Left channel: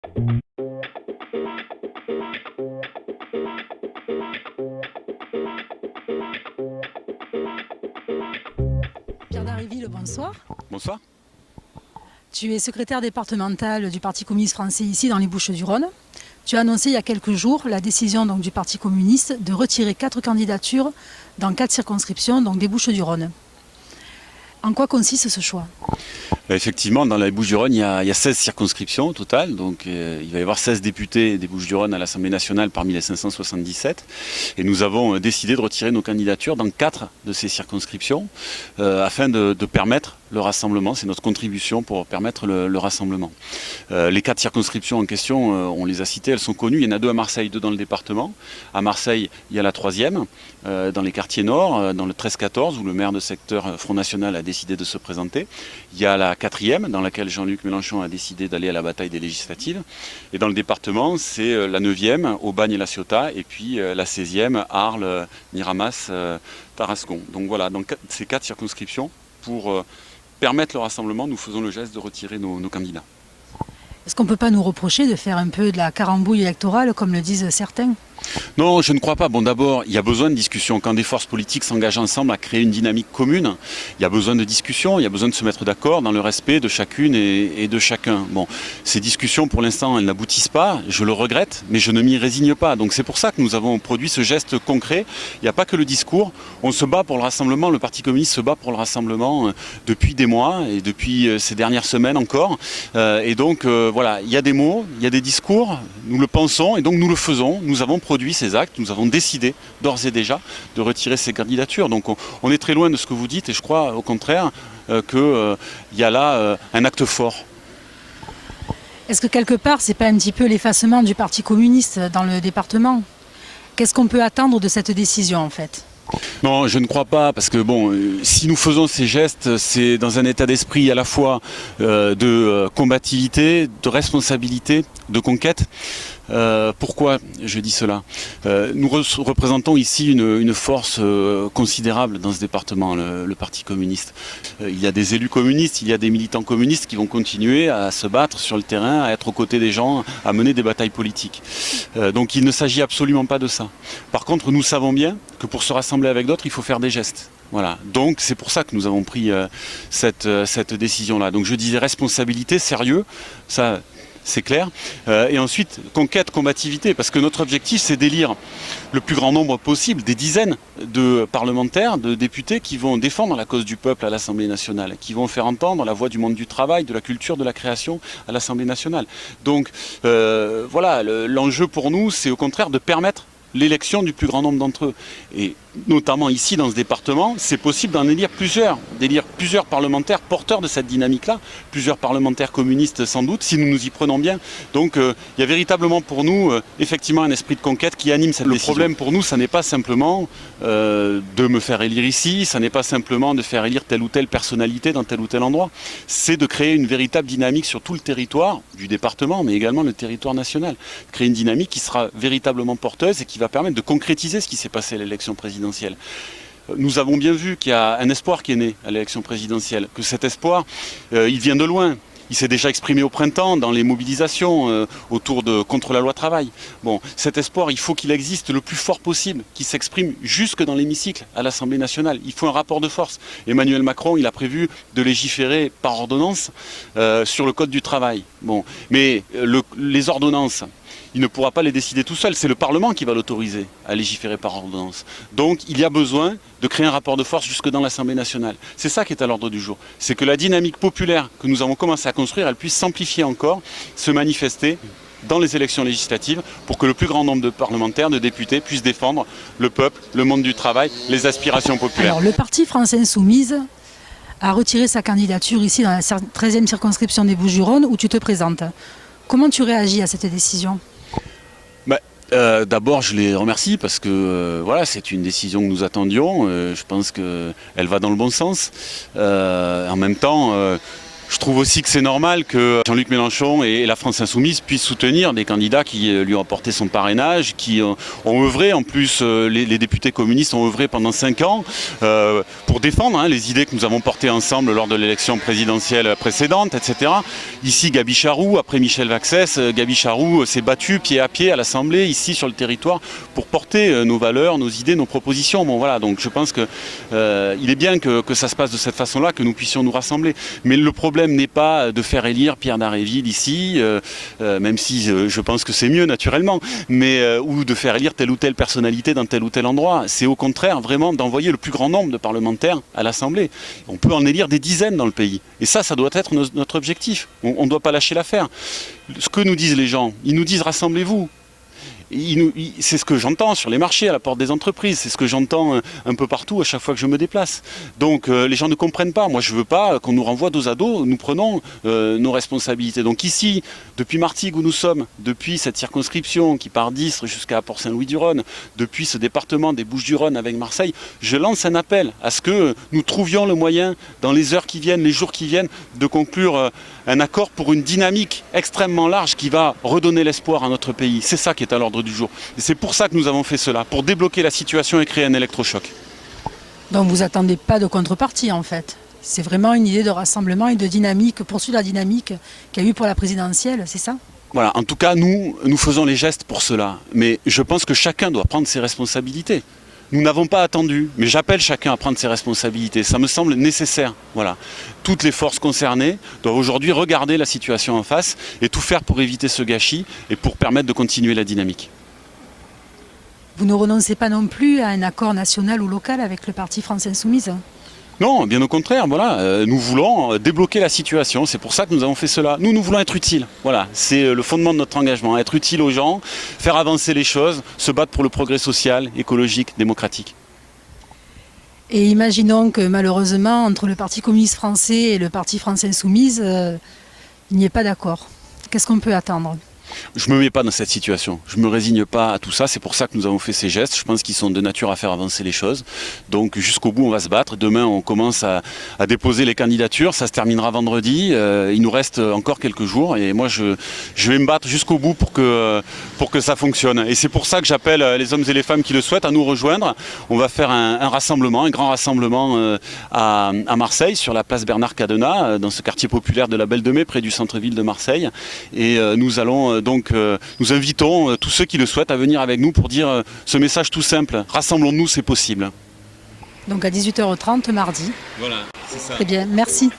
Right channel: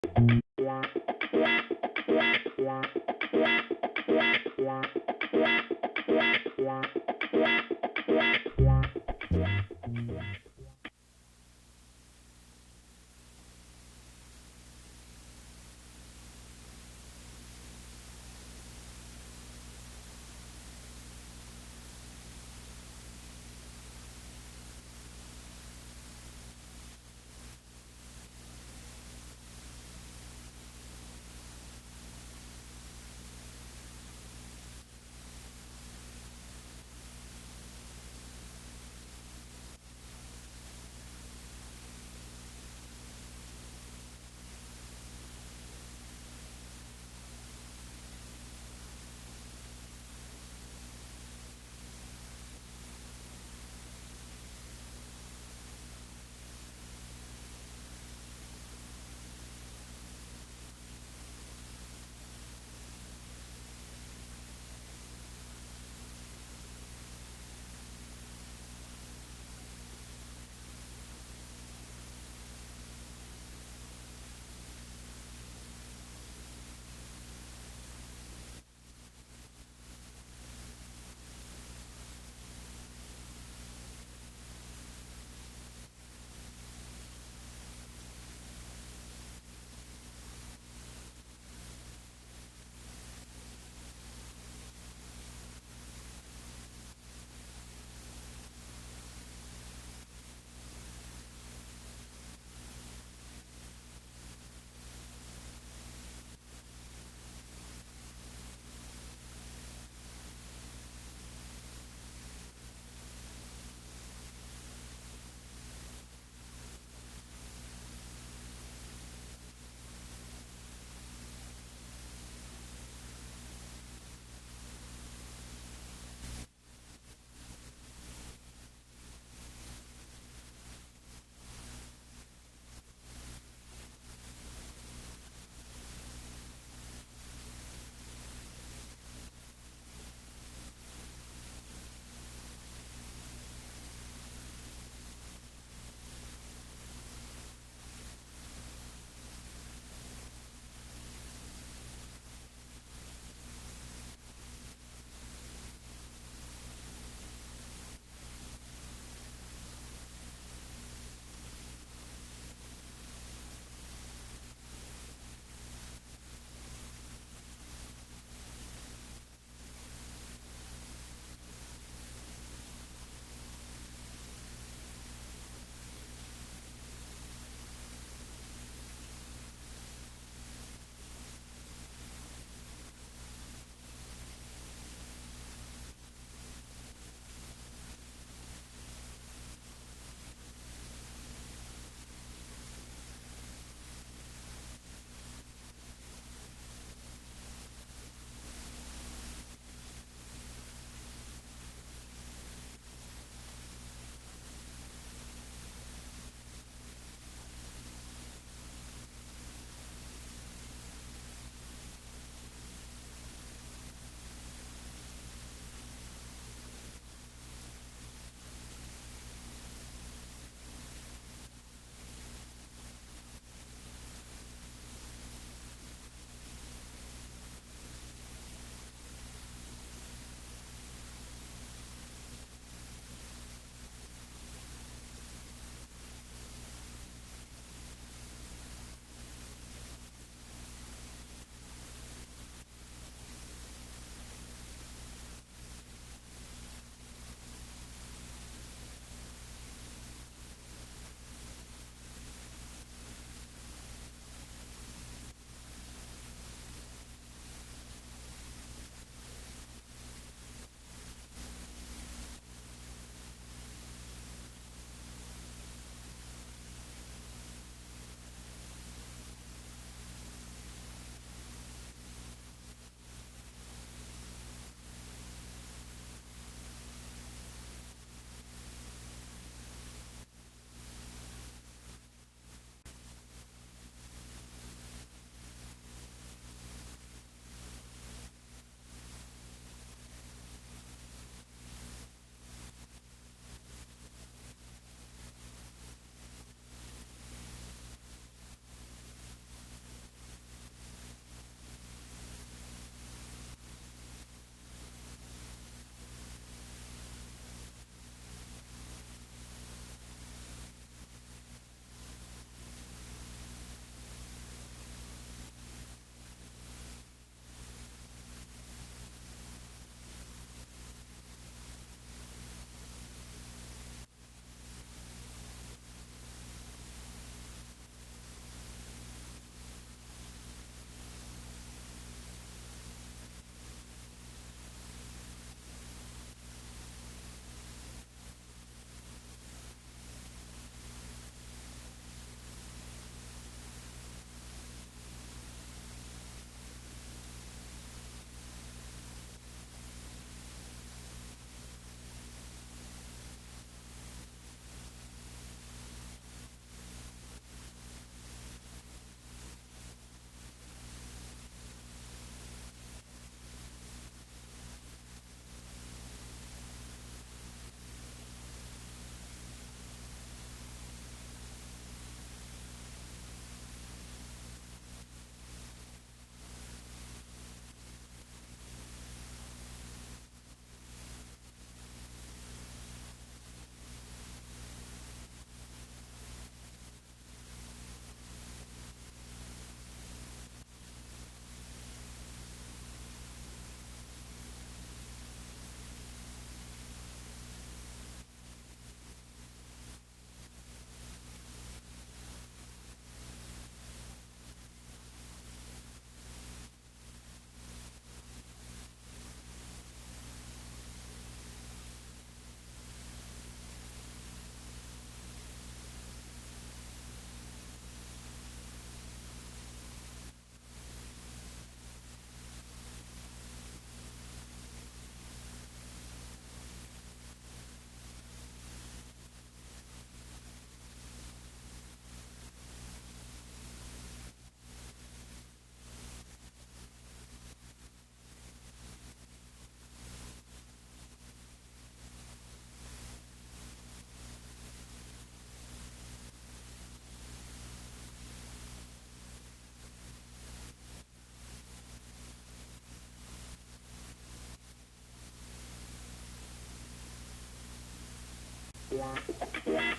Pierre Dharréville, bonsoir. Bonsoir. Tu es secrétaire départemental du Parti communiste français ici dans les Bouches-du-Rhône. Tu as annoncé il y a quelques jours la décision du Parti communiste de retirer 4 candidatures dans 4 circonscriptions des Bouches-du-Rhône. En quoi consiste ce choix ? Effectivement, dans les Bouches-du-Rhône, il y a 16 circonscriptions au total. Donc, il va y avoir 16 députés des Bouches-du-Rhône à l'Assemblée nationale parmi les 577. Et nous avons décidé de retirer nos candidatures dans 4 de ces circonscriptions afin de permettre le rassemblement. C'est notre contribution pour permettre le rassemblement. Les 4 circonscriptions en question, on les a citées, elles sont connues. Il y en a 2 à Marseille, 2 dans le département. À Marseille, il y a la 3e, dans les quartiers nord, dans le 13-14, où le maire de secteur Front National a décidé de se présenter. Il y a la 4e, dans laquelle Jean-Luc Mélenchon a décidé d'aller à la bataille des législatives. Et dans le département, c'est la 9e, Aubagne et La Ciotat, et puis la 16e, Arles, Miramas, Tarascon. Donc voilà, dans ces 4 circonscriptions, pour permettre le rassemblement, nous faisons le geste de retirer nos candidats. Est-ce qu'on ne peut pas nous reprocher de faire un peu de la carambouille électorale, comme le disent certains ? Non, je ne crois pas. Bon, d'abord, il y a besoin de discussion. Quand des forces politiques s'engagent ensemble à créer une dynamique commune, il y a besoin de discussion, il y a besoin de se mettre d'accord dans le respect de chacune et de chacun. Bon, ces discussions, pour l'instant, elles n'aboutissent pas. Je le regrette, mais je ne m'y résigne pas. Donc c'est pour ça que nous avons produit ce geste concret. Il n'y a pas que le discours. On se bat pour le rassemblement. Le Parti communiste se bat pour le rassemblement depuis des mois et depuis ces dernières semaines encore. Et donc, voilà, il y a des mots, il y a des discours. Nous le pensons et donc nous le faisons. Nous avons produit ces actes, nous avons décidé d'ores et déjà de retirer ces candidatures. Donc on est très loin de ce que vous dites et je crois au contraire qu'il y a là un acte fort. Est-ce que quelque part, c'est pas un petit peu l'effacement du Parti communiste dans le département ? Qu'est-ce qu'on peut attendre de cette décision en fait ? Non, je ne crois pas, parce que bon, si nous faisons ces gestes, c'est dans un état d'esprit à la fois de combativité, de responsabilité, de conquête. Pourquoi je dis cela ? Nous représentons ici une force considérable dans ce département, le Parti communiste. Il y a des élus communistes, il y a des militants communistes qui vont continuer à se battre sur le terrain, à être aux côtés des gens, à mener des batailles politiques. Donc il ne s'agit absolument pas de ça. Par contre, nous savons bien que pour se rassembler avec d'autres, il faut faire des gestes. Voilà. Donc c'est pour ça que nous avons pris cette décision-là. Donc je disais responsabilité, sérieux, ça... c'est clair. Et ensuite, conquête, combativité, parce que notre objectif, c'est d'élire le plus grand nombre possible, des dizaines de parlementaires, de députés qui vont défendre la cause du peuple à l'Assemblée nationale, qui vont faire entendre la voix du monde du travail, de la culture, de la création à l'Assemblée nationale. Donc voilà, l'enjeu pour nous, c'est au contraire de permettre l'élection du plus grand nombre d'entre eux. Et notamment ici, dans ce département, c'est possible d'en élire plusieurs parlementaires porteurs de cette dynamique-là, plusieurs parlementaires communistes sans doute, si nous nous y prenons bien. Donc il y a véritablement pour nous, effectivement, un esprit de conquête qui anime cette décision. Le problème pour nous, ça n'est pas simplement de me faire élire ici, ça n'est pas simplement de faire élire telle ou telle personnalité dans tel ou tel endroit. C'est de créer une véritable dynamique sur tout le territoire du département, mais également le territoire national. Créer une dynamique qui sera véritablement porteuse et qui va permettre de concrétiser ce qui s'est passé à l'élection présidentielle. Nous avons bien vu qu'il y a un espoir qui est né à l'élection présidentielle, que cet espoir, il vient de loin. Il s'est déjà exprimé au printemps dans les mobilisations contre la loi travail. Bon, cet espoir, il faut qu'il existe le plus fort possible, qu'il s'exprime jusque dans l'hémicycle à l'Assemblée nationale. Il faut un rapport de force. Emmanuel Macron, il a prévu de légiférer par ordonnance sur le code du travail. Bon, mais les ordonnances, il ne pourra pas les décider tout seul, c'est le Parlement qui va l'autoriser à légiférer par ordonnance. Donc il y a besoin de créer un rapport de force jusque dans l'Assemblée nationale. C'est ça qui est à l'ordre du jour. C'est que la dynamique populaire que nous avons commencé à construire, elle puisse s'amplifier encore, se manifester dans les élections législatives pour que le plus grand nombre de parlementaires, de députés puissent défendre le peuple, le monde du travail, les aspirations populaires. Alors le Parti France Insoumise a retiré sa candidature ici dans la 13e circonscription des Bouches-du-Rhône où tu te présentes. Comment tu réagis à cette décision ? D'abord, je les remercie parce que voilà, c'est une décision que nous attendions. Je pense qu'elle va dans le bon sens. En même temps, Je trouve aussi que c'est normal que Jean-Luc Mélenchon et la France Insoumise puissent soutenir des candidats qui lui ont apporté son parrainage, qui ont œuvré, en plus les députés communistes ont œuvré pendant 5 ans pour défendre les idées que nous avons portées ensemble lors de l'élection présidentielle précédente, etc. Ici, Gaby Charroux, après Michel Vaxès, Gaby Charroux s'est battue pied à pied à l'Assemblée, ici sur le territoire, pour porter nos valeurs, nos idées, nos propositions. Bon voilà, donc je pense qu'il est bien que ça se passe de cette façon-là, que nous puissions nous rassembler. Mais le problème n'est pas de faire élire Pierre Dharréville ici, même si je pense que c'est mieux naturellement, mais ou de faire élire telle ou telle personnalité dans tel ou tel endroit. C'est au contraire vraiment d'envoyer le plus grand nombre de parlementaires à l'Assemblée. On peut en élire des dizaines dans le pays. Et ça doit être notre objectif. On ne doit pas lâcher l'affaire. Ce que nous disent les gens, ils nous disent rassemblez-vous. C'est ce que j'entends sur les marchés, à la porte des entreprises, c'est ce que j'entends un peu partout à chaque fois que je me déplace. Donc les gens ne comprennent pas. Moi je ne veux pas qu'on nous renvoie dos à dos, nous prenons nos responsabilités. Donc ici, depuis Martigues où nous sommes, depuis cette circonscription qui part d'Istres jusqu'à Port-Saint-Louis-du-Rhône, depuis ce département des Bouches-du-Rhône avec Marseille, je lance un appel à ce que nous trouvions le moyen, dans les heures qui viennent, les jours qui viennent, de conclure un accord pour une dynamique extrêmement large qui va redonner l'espoir à notre pays. C'est ça qui est à l'ordre du jour. Et c'est pour ça que nous avons fait cela, pour débloquer la situation et créer un électrochoc. Donc vous n'attendez pas de contrepartie en fait. C'est vraiment une idée de rassemblement et de dynamique, poursuivre la dynamique qu'il y a eu pour la présidentielle, c'est ça ? Voilà, en tout cas, nous faisons les gestes pour cela. Mais je pense que chacun doit prendre ses responsabilités. Nous n'avons pas attendu, mais j'appelle chacun à prendre ses responsabilités. Ça me semble nécessaire. Voilà. Toutes les forces concernées doivent aujourd'hui regarder la situation en face et tout faire pour éviter ce gâchis et pour permettre de continuer la dynamique. Vous ne renoncez pas non plus à un accord national ou local avec le parti France Insoumise ? Non, bien au contraire, voilà, nous voulons débloquer la situation, c'est pour ça que nous avons fait cela. Nous voulons être utiles, voilà, c'est le fondement de notre engagement, être utile aux gens, faire avancer les choses, se battre pour le progrès social, écologique, démocratique. Et imaginons que malheureusement, entre le Parti communiste français et le Parti France Insoumise, il n'y ait pas d'accord. Qu'est-ce qu'on peut attendre ? Je ne me mets pas dans cette situation, je ne me résigne pas à tout ça, c'est pour ça que nous avons fait ces gestes, je pense qu'ils sont de nature à faire avancer les choses. Donc jusqu'au bout on va se battre, demain on commence à déposer les candidatures, ça se terminera vendredi, il nous reste encore quelques jours et moi je vais me battre jusqu'au bout pour que ça fonctionne. Et c'est pour ça que j'appelle les hommes et les femmes qui le souhaitent à nous rejoindre. On va faire un rassemblement, un grand rassemblement à Marseille, sur la place Bernard Cadenat, dans ce quartier populaire de la Belle de Mai, près du centre-ville de Marseille. Et nous allons nous invitons tous ceux qui le souhaitent à venir avec nous pour dire ce message tout simple. Rassemblons-nous, c'est possible. Donc à 18h30 mardi. Voilà, c'est ça. Très bien, merci.